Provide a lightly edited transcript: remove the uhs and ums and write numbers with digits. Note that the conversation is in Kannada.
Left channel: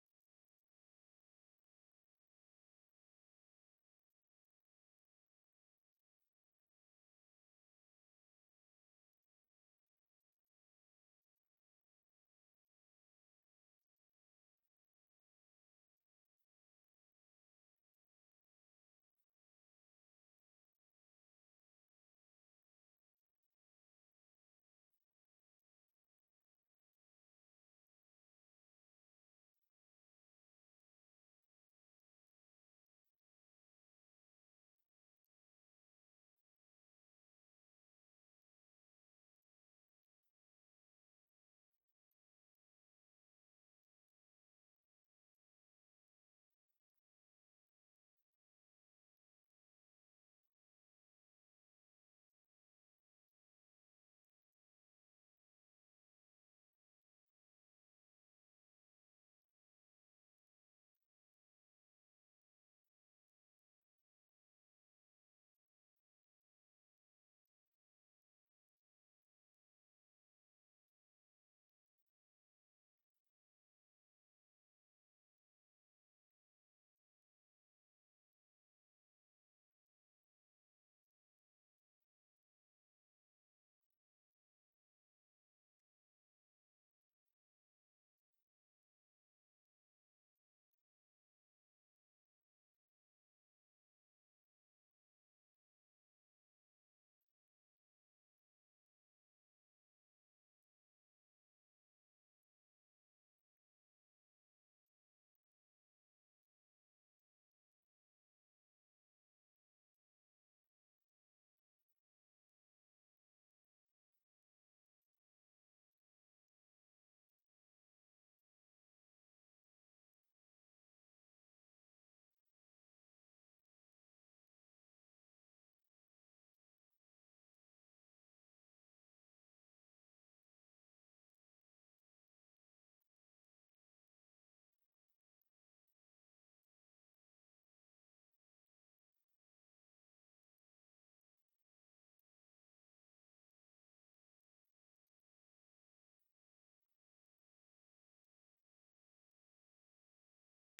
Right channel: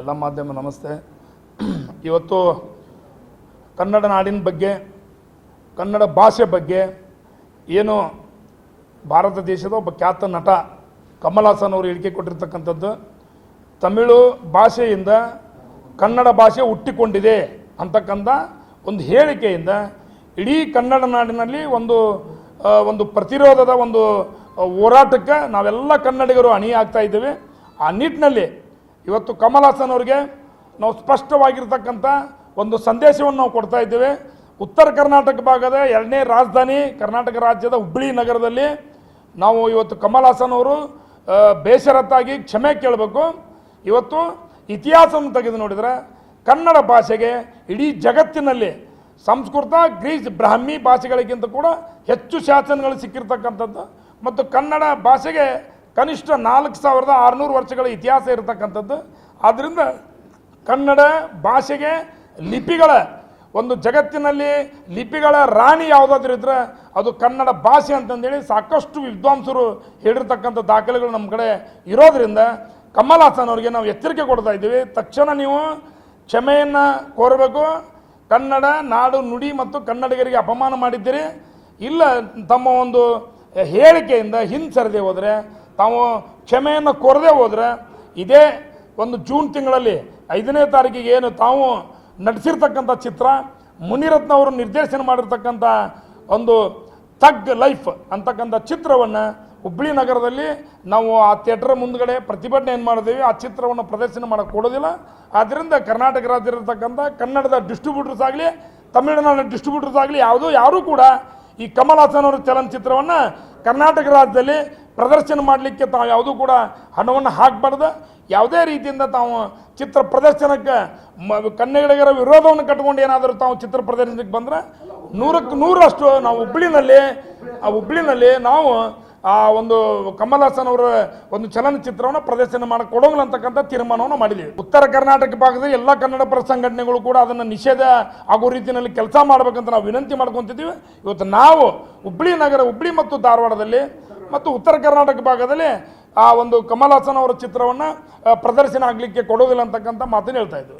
ಎಲ್ಲ ಮಾಧ್ಯಮ ನಮಸ್ತೆ. ಇವತ್ತು ಕನ್ನಡ ನಾಡಿನ ಬಗ್ಗೆ, ಕನ್ನಡ ಭಾಷೆ ಬಗ್ಗೆ ಏನು ಭಾರತ ದೇಶದ ಒಬ್ಬ ಖ್ಯಾತ ನಟ ಕಮಲ್ ಹಾಸನ್ ಅವರು ಹೇಳಿಕೆ ಕೊಟ್ಟಿರ್ತಕ್ಕಂಥದ್ದು, ತಮಿಳು ಭಾಷೆಯಿಂದ ಕನ್ನಡ ಭಾಷೆ ಹುಟ್ಟಿಕೊಂಡಿದೆ ಅಂತಕ್ಕಂಥ ಒಂದು ಹೇಳಿಕೆಯಿಂದ ಇಡೀ ಕನ್ನಡ ನಾಡಿನಲ್ಲಿ ಒಂದು ಪ್ರತಿರೋಧದ ಒಂದು ಹೋರಾಟಕ್ಕೆ ನಾವೆಲ್ಲ ಕನ್ನಡಿಗರು ಅಣಿಯಾಗ್ತಾ ಇದ್ದೇವೆ. ಆ ನಿಟ್ಟಿನಲ್ಲಿ ಇವತ್ತು ಕಮಲ್ ಹಾಸನ್ ಅವರಿಗೆ ನಾವು ಸ್ಪಷ್ಟವಾಗಿರ್ತಕ್ಕಂಥ ಒಂದು ಸಂದೇಶವನ್ನು ನಾವು ಕೊಡ್ತಾ ಇದ್ದೇವೆ. ಉತ್ತರ ಕರ್ನಾಟಕ ಭಾಗದ 2ನೇ ರಾಜಧಾನಿ ಕರ್ನಾಟಕ ರಾಜ್ಯದ ಹುಬ್ಬಳ್ಳಿ ನಗರದಲ್ಲಿ ನಾವು ಇವತ್ತು ಕಮಲ್ ಹಾಸನ್ ಅವರು ಬೇಷರತ್ತಾಗಿ ಕ್ಷಮೆ ಕೇಳಬೇಕು. ಇವತ್ತು ಇತಿಹಾಸವನ್ನು ತೆಗೆದು ನೋಡಿದರೆ ಕನ್ನಡ ಭಾಷೆಗೆ ಇಡೀ ಜಗತ್ತಿನಲ್ಲಿ ಸಂಸ್ಕೃತ, ಗ್ರೀಸ್, ಬ್ರಾಹ್ಮಿ ಭಾಷೆಗಳಿಗಿಂತ ಕೂಡ ಹೆಚ್ಚು ಶಾಸನಗಳು ಸಿಕ್ಕಿರ್ತಕ್ಕಂಥದ್ದು ಮತ್ತು ಕನ್ನಡ ಭಾಷೆಗೆ ಕನಿಷ್ಠ 4600 ವರ್ಷಗಳ ಇತಿಹಾಸ ಇರತಕ್ಕಂಥದ್ದು. ಆದ್ದರಿಂದ ಕನ್ನಡ ಭಾಷೆಗೆ ಲಿಪಿಗಳ ಒಂದು ಜಗತ್ತಿನಲ್ಲಿ ಲಿಪಿಗಳ ರಾಣಿ ಯಾವುದಾದ್ರೂ ಇದ್ದರೆ ಅದು ಕನ್ನಡ ಭಾಷೆ ಅಂತಂದೇಳಿ ಸಾಕಷ್ಟು ವಿದ್ವಾಂಸರು ಹೇಳಿರ್ತಕ್ಕಂಥ ದಾಖಲೆಗಳು ನಮ್ಮ ಕಡೆ ಇರೋದರಿಂದ ಕಮಲ್ ಹಾಸನ್ ಅವರಿಗೆ ನಾವು ಎಚ್ಚರಿಕೆ ಕೊಡ್ತಾ ಇದ್ದೀವಿ. ತಕ್ಷಣ ನೀವು ಕ್ಷಮೆಯನ್ನು ಕೋರಬೇಕು. ಕನ್ನಡ ನಾಡು ನುಡಿ ಮತ್ತು ಕನ್ನಡಿಗರಿಗೆ ಅಪಮಾನ ಮಾಡಿದ್ದೀರಿ, ಇಲ್ಲ ತಮ್ಮ ಒಂದು ಹೇಳಿಕೆಯಿಂದ ಹಿಂಸರದೆ ಹೋದರೆ, ತಾವು ಕ್ಷಮೆಯನ್ನು ಕೋರದೆ ಹೋದರೆ ಇದೇ ಒಂದು ಜೂನ್ ತಿಂಗಳಲ್ಲಿ 5ನೇ ತಾರೀಕಿಗೆ ಏನು ತಾವು ನಡೆಸಿರ್ತಕ್ಕಂಥ ಚಿತ್ರ, ಮುನಿರತ್ನ ಅವರು ನಿರ್ದೇಶನ ಮಾಡಿರ್ತಕ್ಕಂಥ ಒಂದು ಥಗ್ ಲೈಫ್ ಅಂತಕ್ಕಂಥ ಚಿತ್ರವನ್ನು ಹುಬ್ಬಳ್ಳಿ ನಗರದಲ್ಲಿ ನಾವು ಆ ಥಿಯೇಟರ್ ಮುಂದ್ಗಡೆ ಪ್ರತಿಭಟನೆ ಏನು ಮಾಡಿದ್ದೀವಿ, ಆ ಚಿತ್ರವನ್ನು ಪ್ರದರ್ಶನ ಮಾಡೋಕ್ಕೆ ಕೊಡೋದಿಲ್ಲ. ಆದ್ದರಿಂದ ಕರ್ನಾಟಕ ರಾಜ್ಯದಲ್ಲಿರ್ತಕ್ಕಂಥ ಕನ್ನಡದ ಡಿಸ್ಟ್ರಿಬ್ಯೂಟರ್ಸ್ ಆಗಲಿ, ತಮಿಳುನಾಡಿನ ಡಿಸ್ಟ್ರಿಬ್ಯೂಟರ್ಸ್ ಆಗಲಿ ಯಾರೂ ಕೂಡ ಈ ಕಮಲ್ ಹಾಸನ್ ಅವರ ಚಲನಚಿತ್ರವನ್ನು ಕರ್ನಾಟಕ ರಾಜ್ಯದಲ್ಲಿ ಪ್ರದರ್ಶನ ಮಾಡಲಿಕ್ಕೆ ತಾವು ಯಾವುದೂ ಕೂಡ ಹಣವನ್ನು ಹಾಕಬಾರ್ದು. ಯಾವುದೇ ರೀತಿಯಿಂದ ತಾವು ಚಿತ್ರ ಪ್ರದರ್ಶನಕ್ಕೆ ಕನ್ನಡಿಗರ ವಿರೋಧವನ್ನು ಕಟ್ಟಿಕೊಂಡು ಏನಾದರೂ ತಾವು ಚಿತ್ರ ಪ್ರದರ್ಶನಕ್ಕೆ ಬಂದರೆ 100ಕ್ಕೆ 100ರಷ್ಟು ನಾವು ಹುಬ್ಬಳ್ಳಿನಲ್ಲಿ ನಾವು ಆ ಒಂದು ಕಮಲ್ ಹಾಸನ್ ಅವರ ಒಂದು ಚಲನಚಿತ್ರವನ್ನು ಪ್ರದರ್ಶನ ಮಾಡಕ್ಕೆ ಕೊಡೋಂಗಿಲ್ಲ ಅಂತಕ್ಕಂಥ ತೀರ್ಮಾನವನ್ನು ಮಾಡಿದ್ದೀವಿ. ಉತ್ತರ ಕರ್ನಾಟಕ ಭಾಗದಲ್ಲಿ ಎಲ್ಲ ಕನ್ನಡ ಪರ ಸಂಘಟನೆಗಳು ಕೂಡ ಅದನ್ನು ನಿಷೇಧ ಆಗೋ ರೀತಿಯಲ್ಲಿ ಕೆಲಸ ಮಾಡಬೇಕಂತ ನಾವು ವಿನಂತಿ ಮಾಡ್ಕೊತಿದ್ದೀವಿ. ಇವತ್ತು ನಾವು ಹುಬ್ಬಳ್ಳಿ ಮತ್ತು ಧಾರವಾಡದಲ್ಲಿ ಮತ್ತು ಉತ್ತರ ಕರ್ನಾಟಕ ಭಾಗದಲ್ಲಿ ಆ ಒಂದು ಕಮಲ್ ಹಾಸನ್ ಅವರ ಚಿತ್ರವನ್ನು ಪ್ರದರ್ಶನ ಆಗಲಿಕ್ಕೆ ಕೊಡೋದಿಲ್ಲ ಅಂತಕ್ಕಂಥ ಮಾತನ್ನು ಹೇಳ್ತಾ ಇದ್ದೀವಿ.